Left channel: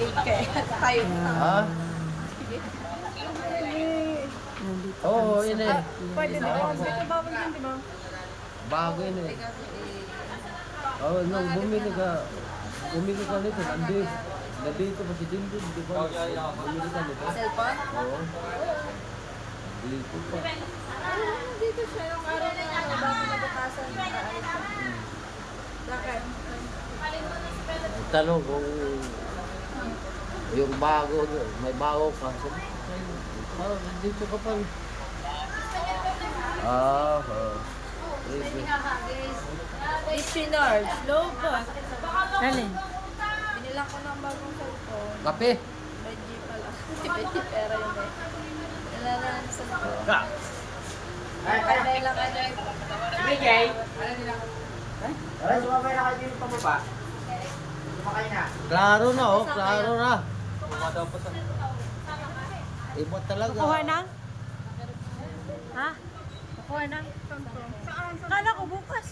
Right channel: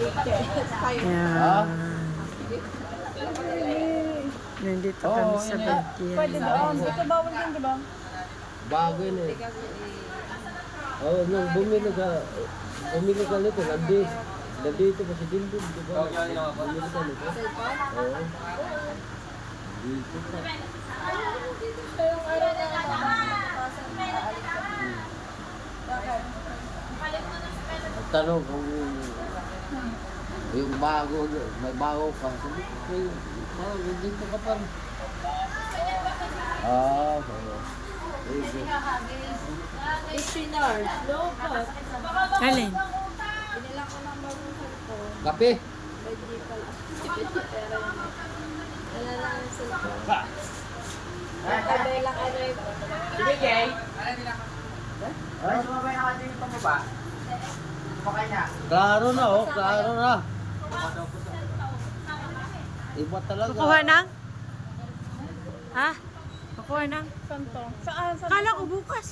Tayo na. Ayan. Sige. Nandito Oo, kami sa yun eh. Bagyan. Pwede doon. Ito bawal din, di ba? Bago yun eh. Kasi Oh, nung bumili ka nito, nandito pa si Dindin, di ba? Bumili ka nito. cellphone? Oo. Dito pa. Dito siya yung araw na bago nabukasan na aalis siya. Bakit? Tanong kung yung bago, may bago ka. Sabi ko kayo, parang dito ka pa rin. Oo. Sige. Ishinars, no but. Alin? Binilang ko ng bagong cellphone. Kape? By Gpal. Pero yun eh. Nalala ang cellphone. Pwede lang ano eh. Sige, Jay. Ay, sumabay na kayo dito pababa. Sumakay na. Klaro na oh, klaro na. Iba talaga. Kukuha na? Ha? Kukuha na? Saan to? Saan? Kala ko bukas.